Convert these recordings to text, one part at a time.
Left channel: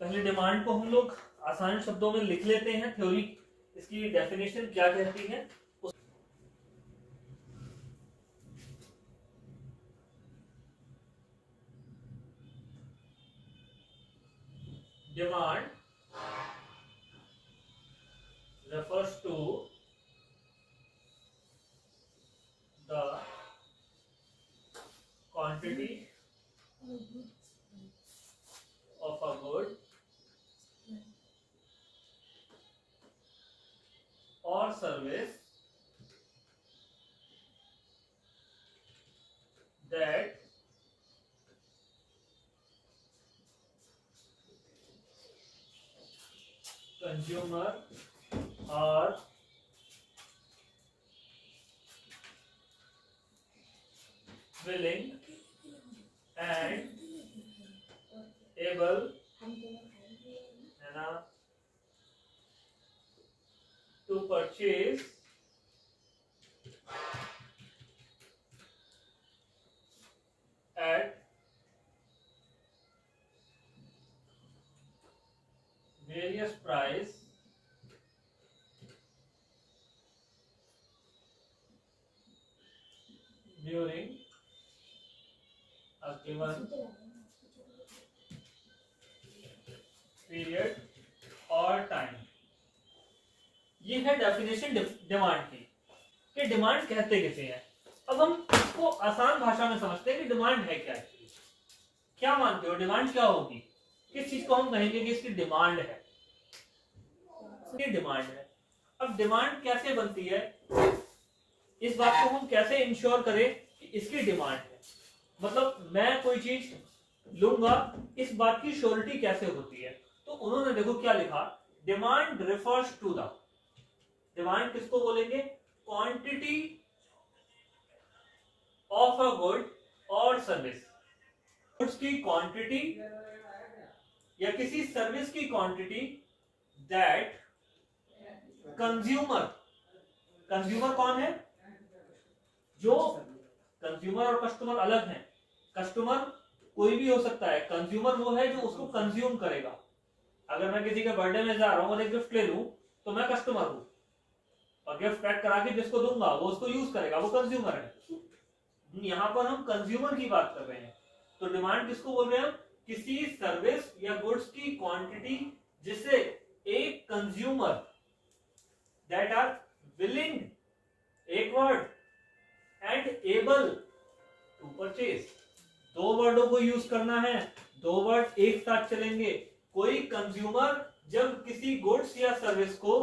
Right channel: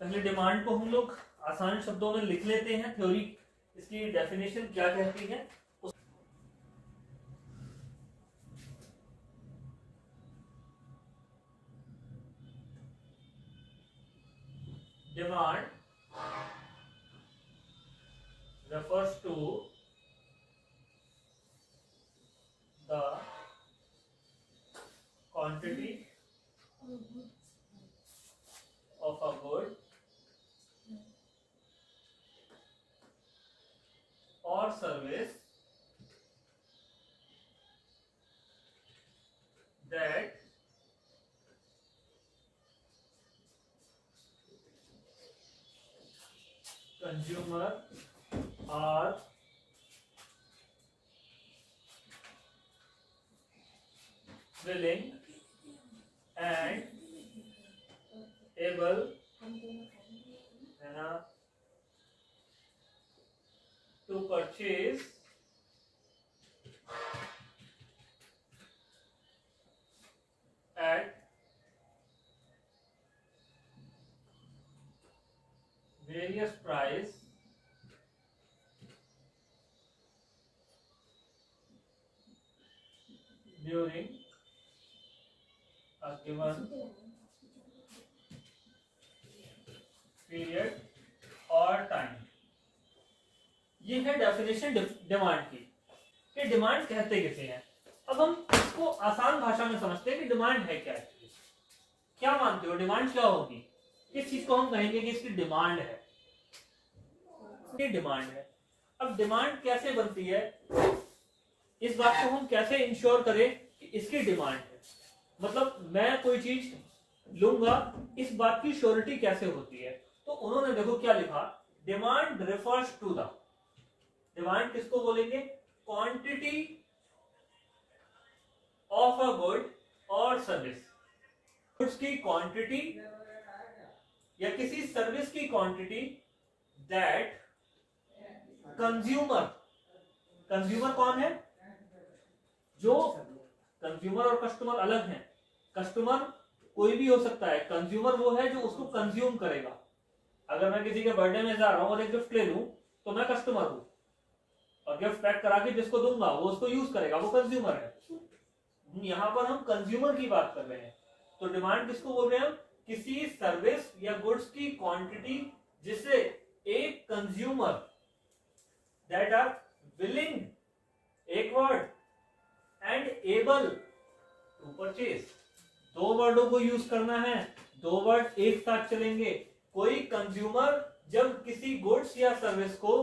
पहले डिमांड को हम लोग आसान शब्दों में लिख लेते हैं, थ्योरी इसकी डेफिनेशन क्या कहती है। Demand refers to the quantity of a good or service that consumer are willing and able to purchase at various price during a given period और टाइम। ये है डेफिनेशन डिमांड की कि डिमांड कहते किसे हैं। अब हम इसको आसान भाषा में समझते हैं कि डिमांड है क्या। क्या मानते हो डिमांड क्या होगी? किस चीज को हम कहेंगे कि इसकी डिमांड है? ये डिमांड है। अब डिमांड कैसे बनती है, इस बात को हम कैसे इंश्योर करें कि इसकी डिमांड है, मतलब मैं कोई चीज लूंगा, इस बात की श्योरिटी कैसे होती है। तो उन्होंने देखो क्या लिखा, demand refers to the, demand किसको बोलेंगे? क्वांटिटी ऑफ अ गुड और सर्विस, गुड्स की क्वांटिटी या किसी सर्विस की क्वांटिटी दैट कंज्यूमर, कंज्यूमर कौन है? जो कंज्यूमर और कस्टमर अलग हैं। कस्टमर कोई भी हो सकता है, कंज्यूमर वो है जो उसको कंज्यूम करेगा। अगर मैं किसी के बर्थडे में जा रहा हूं और एक गिफ्ट ले लूं तो मैं कस्टमर हूं, और गिफ्ट पैक करा के जिसको दूंगा वो उसको यूज करेगा, वो कंज्यूमर है। यहां पर हम कंज्यूमर की बात कर रहे हैं। तो डिमांड किसको बोल रहे हैं? किसी सर्विस या गुड्स की क्वांटिटी जिसे एक कंज्यूमर दैट आर विलिंग, एक word, and able to purchase, दो वर्डों को यूज करना है, दो वर्ड एक साथ चलेंगे। कोई कंज्यूमर जब किसी गुड्स या सर्विस को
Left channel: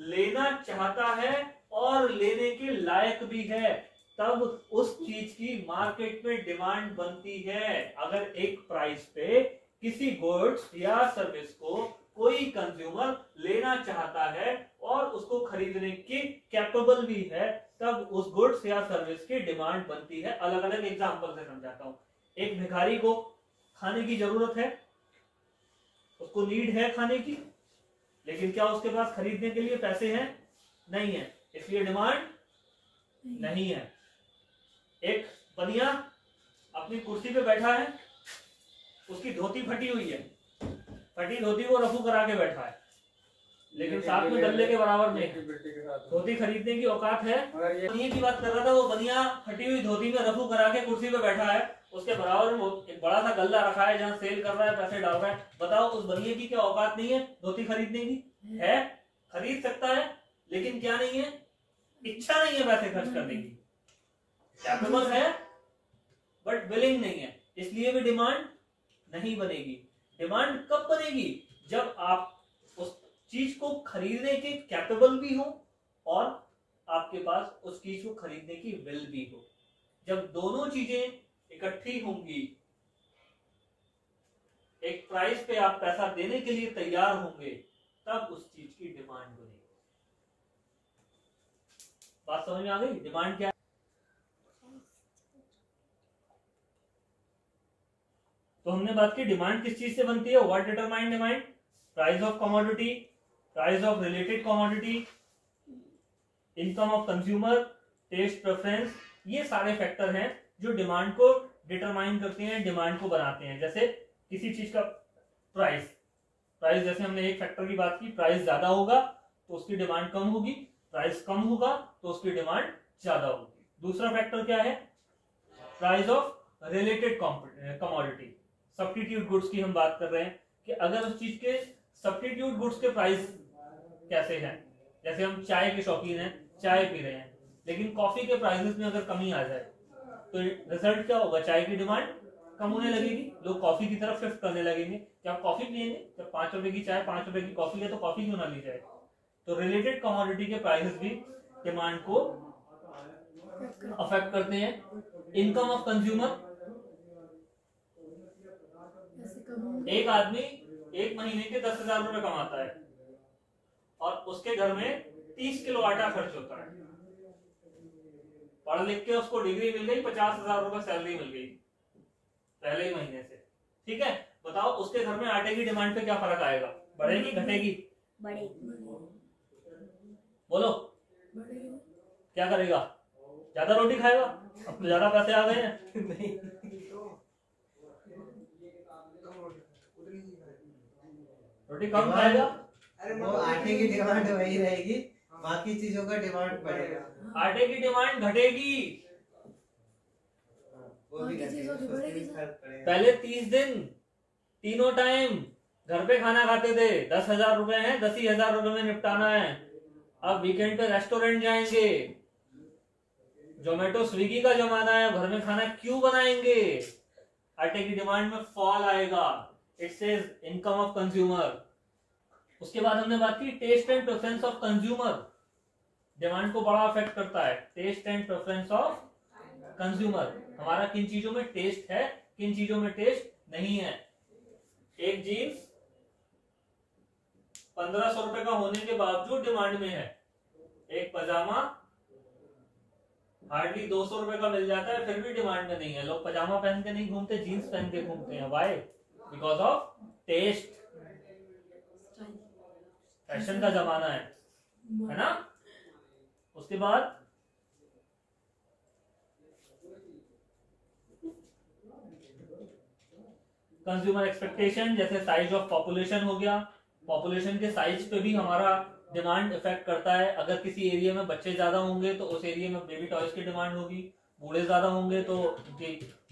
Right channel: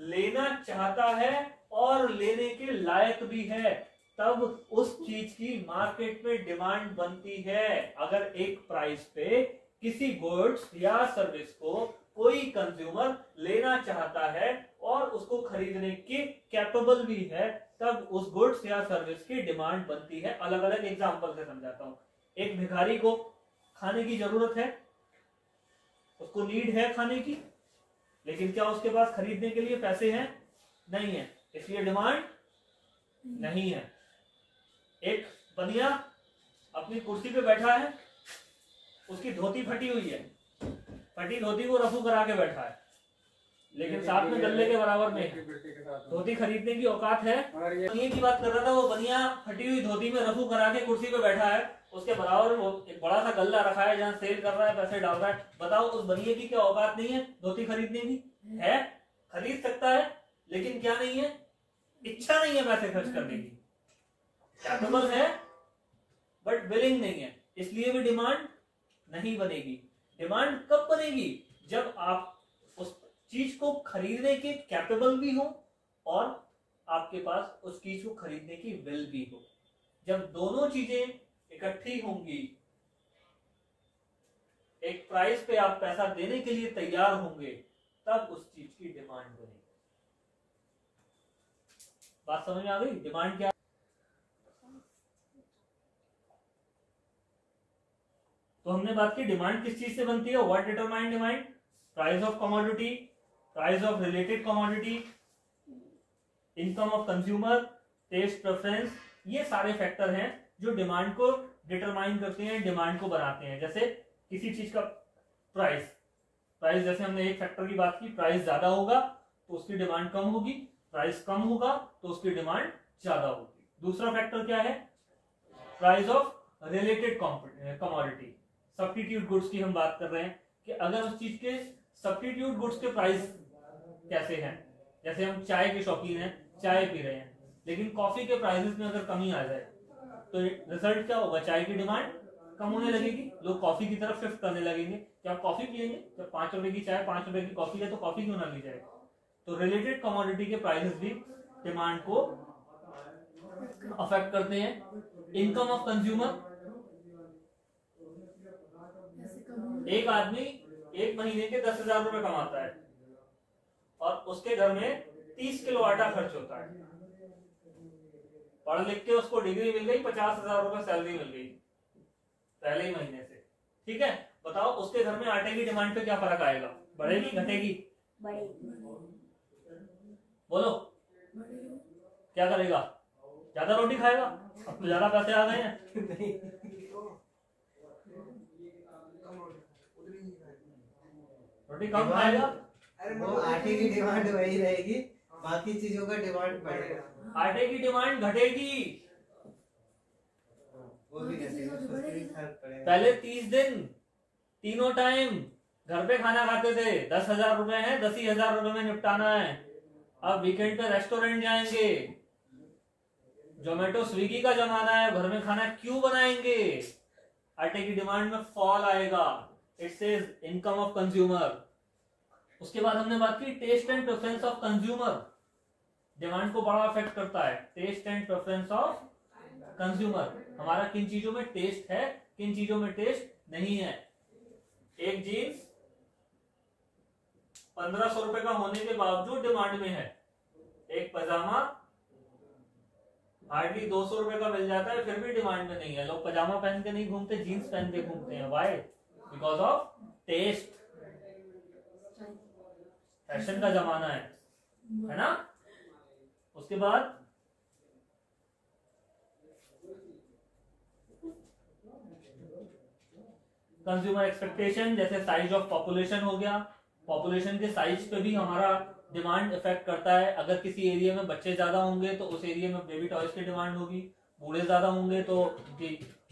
लेना चाहता है और लेने के लायक भी है, तब उस चीज की मार्केट में डिमांड बनती है। अगर एक प्राइस पे किसी गुड्स या सर्विस को कोई कंज्यूमर लेना चाहता है और उसको खरीदने की कैपेबल भी है, तब उस गुड्स या सर्विस की डिमांड बनती है। अलग अलग एग्जांपल से समझाता हूं। एक भिखारी को खाने की जरूरत है, उसको नीड है खाने की, लेकिन क्या उसके पास खरीदने के लिए पैसे हैं? नहीं है, इसलिए डिमांड नहीं है। एक बनिया अपनी कुर्सी पे बैठा है, उसकी धोती फटी हुई है, फटी धोती को रफू करा के बैठा है, लेकिन साथ में गल्ले के बराबर में है, धोती खरीदने की औकात है। बनिया की बात कर रहा था, वो बनिया फटी हुई धोती में रफू करा के कुर्सी पे बैठा है, उसके बराबर में एक बड़ा सा गल्ला रखा है जहाँ सेल कर रहा है, पैसे डाल रहा है। बताओ उस बनिए की क्या औकात नहीं है धोती खरीदने की? है, खरीद सकता है, लेकिन क्या नहीं है? इच्छा नहीं है पैसे खर्च करने की। कैपेबल है बट विलिंग नहीं है, इसलिए भी डिमांड नहीं बनेगी। डिमांड कब बनेगी? जब आप उस चीज को खरीदने के कैपेबल भी हो और आपके पास उस चीज को खरीदने की विल भी हो। जब दोनों चीजें इकट्ठी होंगी, एक प्राइस पे आप पैसा देने के लिए तैयार होंगे, तब उस चीज की डिमांड बनेगी। बात समझ में आ गई? डिमांड क्या है? तो हमने बात की डिमांड किस चीज से बनती है। What determine demand? Price of commodity, price of related commodity, income of consumer, test preference, ये सारे फैक्टर हैं जो डिमांड को डिटरमाइन करते हैं, डिमांड को बनाते हैं। जैसे किसी चीज का प्राइस, प्राइस जैसे हमने एक फैक्टर की बात की, प्राइस ज्यादा होगा तो उसकी डिमांड कम होगी, प्राइस कम होगा तो उसकी डिमांड ज्यादा होगी। दूसरा फैक्टर क्या है, price of related commodity, substitute goods की हम बात कर रहे हैं कि अगर उस चीज के सब्स्टिट्यूट गुड्स के प्राइस कैसे हैं, जैसे हम चाय के शौकीन हैं, चाय पी रहे हैं, लेकिन कॉफी के प्राइसेस में अगर कमी आ जाए तो रिजल्ट क्या होगा, चाय की डिमांड कम होने लगेगी, लोग कॉफी की तरफ शिफ्ट करने लगेंगे। क्या आप कॉफी पियेंगे? जब 5 रुपए की चाय 5 रुपए की कॉफी है तो कॉफी क्यों ना ली जाए। तो रिलेटेड कमोडिटी के प्राइसेस भी डिमांड को अफेक्ट करते हैं। इनकम ऑफ कंज्यूमर, एक आदमी एक महीने के 10,000 रुपए कमाता है और उसके घर में 30 किलो आटा खर्च होता है, पढ़ लिख के उसको डिग्री मिल गई, 50,000 रुपए सैलरी मिल गई पहले ही महीने से, ठीक है। बताओ उसके घर में आटे की डिमांड पे क्या फर्क आएगा, बढ़ेगी घटेगी? बढ़ेगी। बोलो क्या करेगा, ज्यादा रोटी खाएगा? अब तो ज्यादा पैसे आ गए हैं। रोटी कम खाएगा, वो आटे की डिमांड वही रहेगी, बाकी चीजों का डिमांड बढ़ेगा, आटे की डिमांड घटेगी। वो भी फर्क पड़ेगा। पहले 30 दिन तीनों टाइम घर पे खाना खाते थे, 10,000 रुपए है, 10,000 रुपए में निपटाना है। अब वीकेंड पे रेस्टोरेंट जाएंगे, जोमेटो स्विगी का जमाना है, घर में खाना क्यों बनाएंगे, आटे की डिमांड में फॉल आएगा। It says income of consumer. उसके बाद हमने बात की taste and preference of consumer, demand को बड़ा अफेक्ट करता है। Taste and preference of consumer, हमारा किन चीजों में टेस्ट है, किन चीजों में टेस्ट नहीं है। एक जीन्स 1500 रुपए का होने के बावजूद डिमांड में है, एक पजामा हार्डली 200 रुपए का मिल जाता है फिर भी डिमांड में नहीं है। लोग पजामा पहन के नहीं घूमते, जीन्स पहन के घूमते हैं। Why? Because of taste, fashion का जमाना है ना। उसके बाद कंज्यूमर एक्सपेक्टेशन, जैसे साइज ऑफ पॉपुलेशन हो गया, पॉपुलेशन के साइज पे भी हमारा डिमांड इफेक्ट करता है। अगर किसी एरिया में बच्चे ज्यादा होंगे तो उस एरिया में बेबी टॉयज की डिमांड होगी, बूढ़े ज्यादा होंगे तो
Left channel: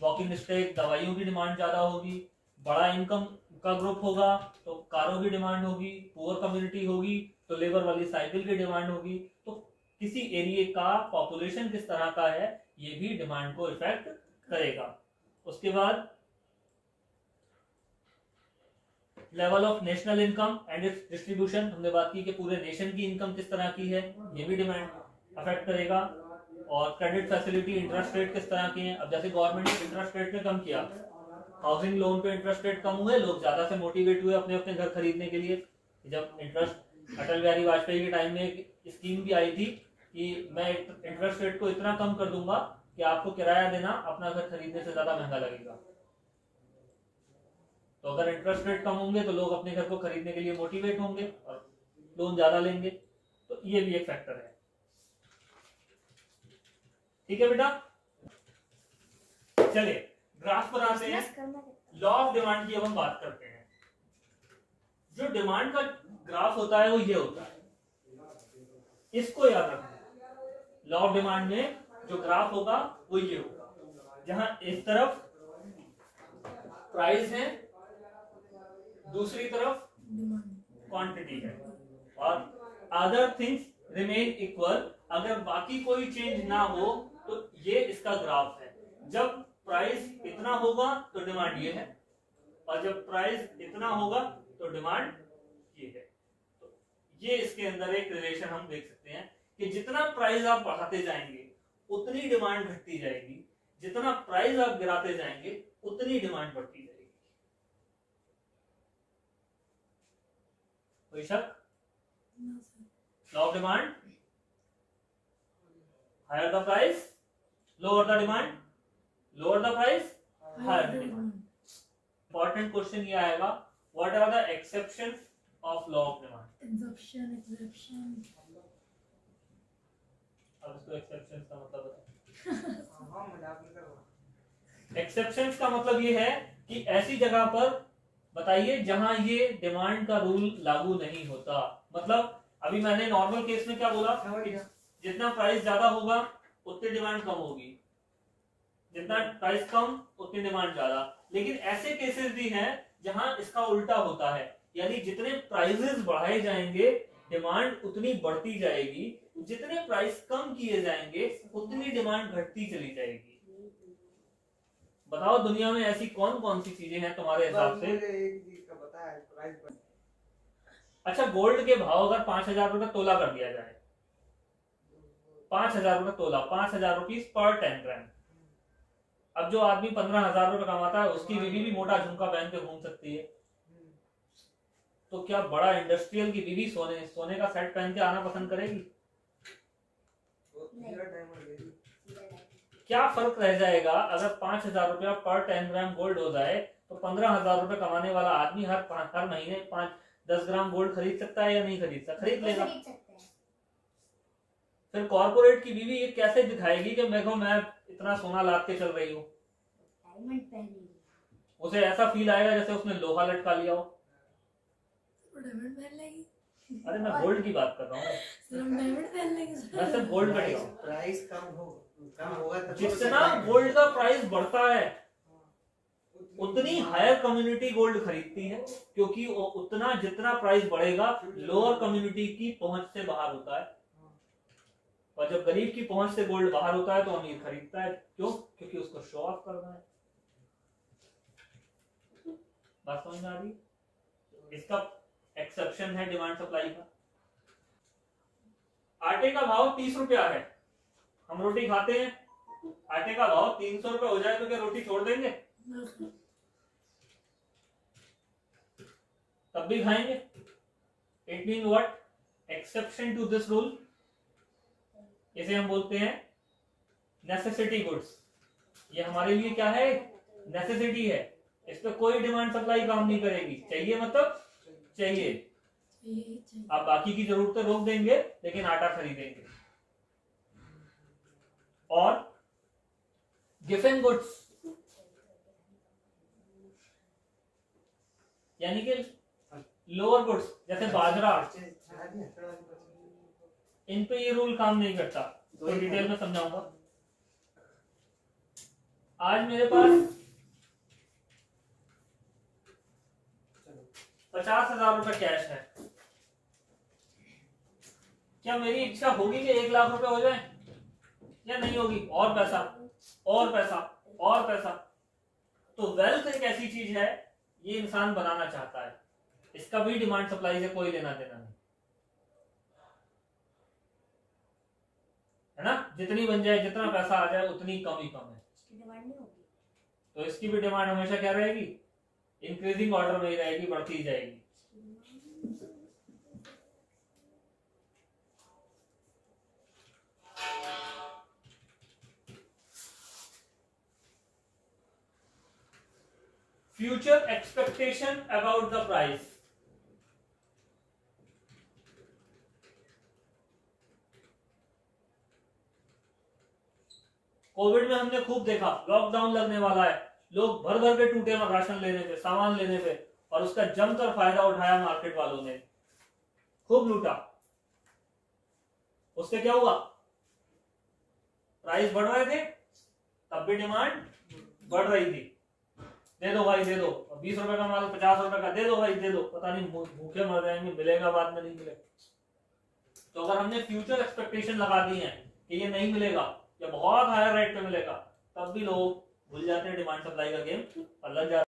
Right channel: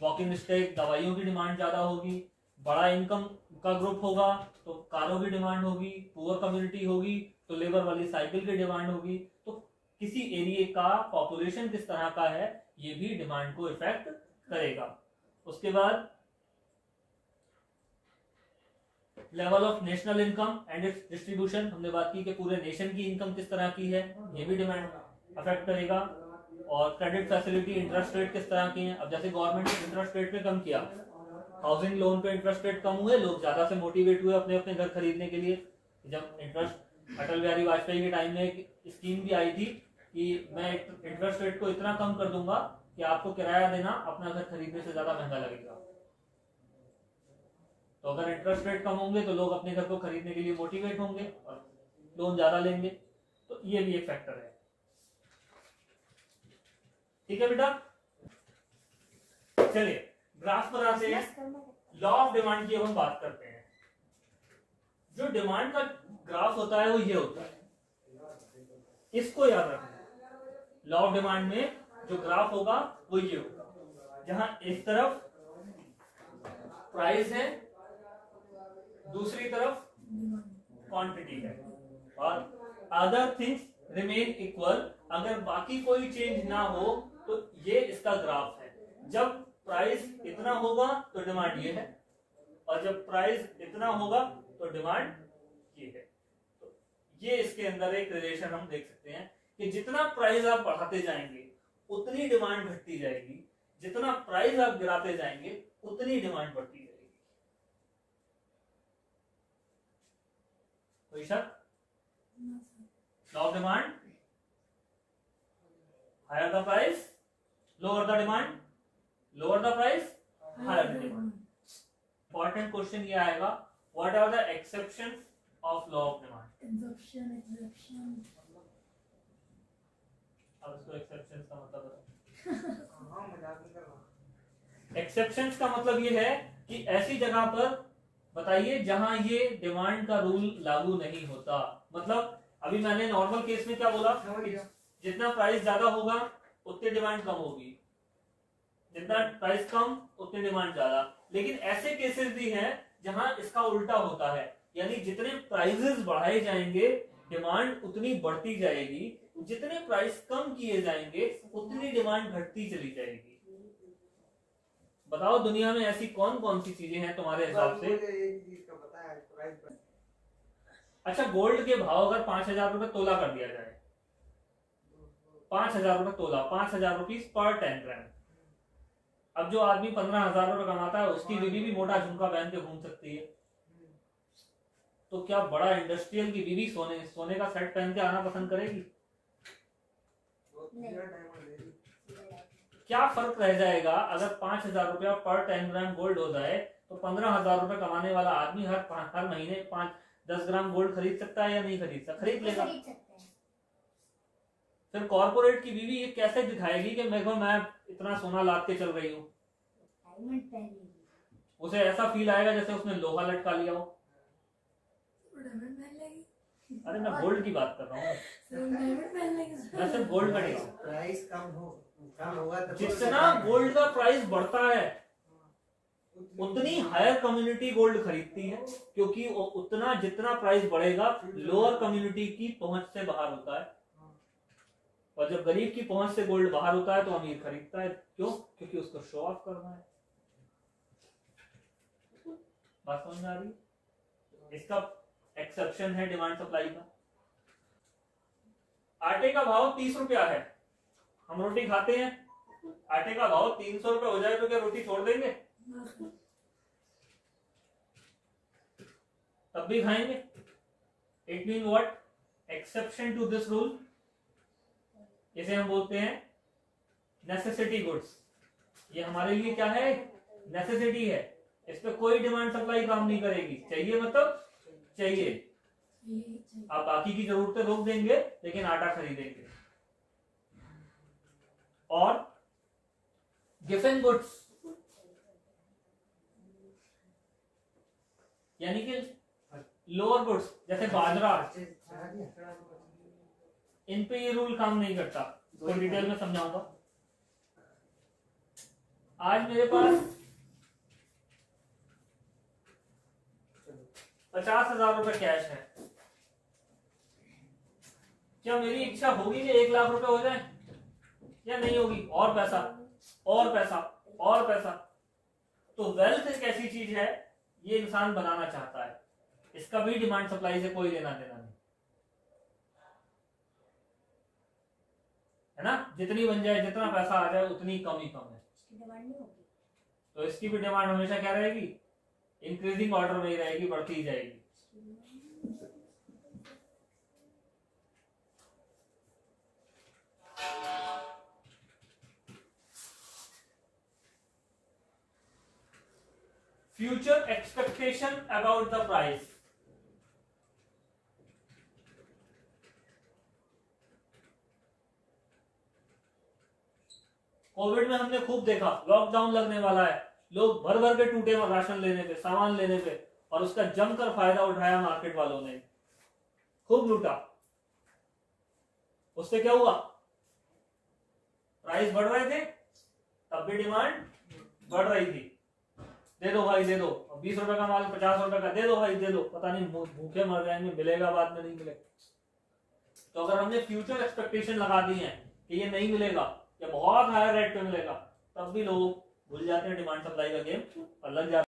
वॉकिंग स्टिक दवाइयों की डिमांड ज्यादा होगी, बड़ा इनकम का ग्रुप होगा तो कारों की डिमांड होगी, पुअर कम्युनिटी होगी तो लेबर वाली साइकिल की डिमांड होगी। तो किसी एरिया का पॉपुलेशन किस तरह का है ये भी डिमांड को इफेक्ट करेगा। उसके बाद level of national income and it's distribution, हमने बात की कि पूरे नेशन की इनकम किस तरह की है, ये भी डिमांड अफेक्ट करेगा। और क्रेडिट फैसिलिटी, इंटरेस्ट रेट किस तरह की है। अब जैसे गवर्नमेंट ने इंटरेस्ट रेट में कम किया, हाउसिंग लोन पे इंटरेस्ट रेट कम हुए, लोग ज्यादा से मोटिवेट हुए अपने अपने घर खरीदने के लिए। जब इंटरेस्ट अटल बिहारी वाजपेयी के टाइम में एक स्कीम भी आई थी कि मैं इंटरेस्ट रेट को इतना कम कर दूंगा कि आपको किराया देना अपना घर खरीदने से ज्यादा महंगा लगेगा। तो अगर इंटरेस्ट रेट कम होंगे तो लोग अपने घर को खरीदने के लिए मोटिवेट होंगे और लोन ज्यादा लेंगे। तो ये भी एक फैक्टर है। ठीक है बेटा, चलिए ग्राफ बनाते हैं। लॉ ऑफ डिमांड की अब हम बात करते हैं। जो डिमांड का ग्राफ होता है वो ये होता है, इसको याद रखना। लॉ ऑफ डिमांड में जो ग्राफ होगा वो ये होगा, जहां इस तरफ प्राइस है, दूसरी तरफ क्वांटिटी है और अदर थिंग्स रिमेन इक्वल। अगर बाकी कोई चेंज ना हो तो ये इसका ग्राफ है। जब प्राइस इतना होगा तो डिमांड ये है और जब प्राइस इतना होगा तो डिमांड ये है। तो ये इसके अंदर एक रिलेशन हम देख सकते हैं कि जितना प्राइस आप बढ़ाते जाएंगे उतनी डिमांड घटती जाएगी, जितना प्राइस आप गिराते जाएंगे उतनी डिमांड बढ़ती जाएगी। कोई शक? Law of demand, higher the price lower the demand, lower the price higher the demand. Important question ये आएगा, what are the exceptions of law of demand. Exception अब इसको एक्सेप्शंस का मतलब बताओ। एक्सेप्शंस का मतलब ये है कि ऐसी जगह पर बताइए जहां ये डिमांड का रूल लागू नहीं होता। मतलब अभी मैंने नॉर्मल केस में क्या बोला, जितना प्राइस ज्यादा होगा उतनी डिमांड कम होगी, जितना प्राइस कम उतनी डिमांड ज्यादा। लेकिन ऐसे केसेस भी हैं जहां इसका उल्टा होता है, यानी जितने प्राइसेस बढ़ाए जाएंगे डिमांड उतनी बढ़ती जाएगी, जितने प्राइस कम किए जाएंगे उतनी डिमांड घटती चली जाएगी। बताओ दुनिया में ऐसी कौन कौन सी चीजें हैं तुम्हारे हिसाब से? अच्छा, गोल्ड के भाव अगर 5,000 रुपए तोला कर दिया जाए, 5,000 रुपए तोला, 5,000 रुपीज पर 10 ग्राम। अब जो आदमी 15,000 रुपए कमाता है उसकी बीवी भी मोटा झुमका पहन के घूम सकती है, तो क्या बड़ा इंडस्ट्रियल की बीवी सोने का सेट पहन के आना पसंद करेगी? क्या फर्क रह जाएगा अगर 5,000 रुपया पर 10 ग्राम गोल्ड हो जाए तो 15,000 रुपए कमाने वाला आदमी हर महीने 5-10 ग्राम गोल्ड खरीद सकता है या नहीं खरीद सकता? खरीद लेगा। फिर कॉर्पोरेट की बीवी ये कैसे दिखाएगी कि मैं इतना सोना लाद के चल रही हूँ? उसे ऐसा फील आएगा जैसे उसने लोहा लटका लिया हो। अरे मैं गोल्ड की बात कर रहा हूँ, मैं सिर्फ गोल्ड का दिखाऊं। प्राइस कम होगा तो जितना गोल्ड का प्राइस बढ़ता है उतनी हायर कम्युनिटी गोल्ड खरीदती है, क्योंकि उतना जितना प्राइस बढ़ेगा लोअर कम्युनिटी की पहुंच से बाहर होता है, और जब गरीब की पहुंच से गोल्ड बाहर होता है तो अमीर खरीदता है। क्यों? क्योंकि उसको शो ऑफ करना है। बात समझ में आ रही है? इसका एक्सेप्शन है डिमांड सप्लाई का। आटे का भाव 30 रुपया है, हम रोटी खाते हैं, आटे का भाव 300 रुपये हो जाए तो क्या रोटी छोड़ देंगे? तब भी खाएंगे। It mean what? Exception to this rule, इसे हम बोलते हैं नेसेसिटी गुड्स। ये हमारे लिए क्या है? नेसेसिटी है, इस पे कोई डिमांड सप्लाई काम नहीं करेगी। चाहिए मतलब चाहिए, आप बाकी की जरूरतें रोक देंगे लेकिन आटा खरीदेंगे। और गिफन गुड्स यानी कि लोअर गुड्स जैसे बाजरा, इन पे ये रूल काम नहीं करता। तो डिटेल में समझाऊंगा। आज मेरे पास 50,000 रुपए कैश है, क्या मेरी इच्छा होगी कि 1 लाख रुपए हो जाए या नहीं होगी? और पैसा और पैसा और पैसा। तो वेल्थ एक ऐसी चीज है ये इंसान बनाना चाहता है, इसका भी डिमांड सप्लाई से कोई लेना देना नहीं है ना। जितनी बन जाए, जितना पैसा आ जाए उतनी कम ही कम है, तो इसकी भी डिमांड हमेशा क्या रहेगी? इंक्रीजिंग ऑर्डर में ही रहेगी, बढ़ती ही जाएगी। Future expectation about the price. Covid में हमने खूब देखा, लॉकडाउन लगने वाला है, लोग भर भर के टूटे राशन लेने पे, सामान लेने पे, और उसका जमकर फायदा उठाया मार्केट वालों ने, खूब लूटा। उससे क्या हुआ? प्राइस बढ़ रहे थे तब भी डिमांड बढ़ रही थी। दे दो भाई दे दो, 20 रुपए का माल 50 रुपए का दे दो भाई दे दो, पता नहीं भूखे मर जाएंगे, मिलेगा बाद में नहीं मिलेगा। तो अगर हमने फ्यूचर एक्सपेक्टेशन लगा दी है कि ये नहीं मिलेगा या बहुत हायर रेट पे मिलेगा, तब भी लोग भूल जाते हैं डिमांड सप्लाई का गेम और लग जाते हैं।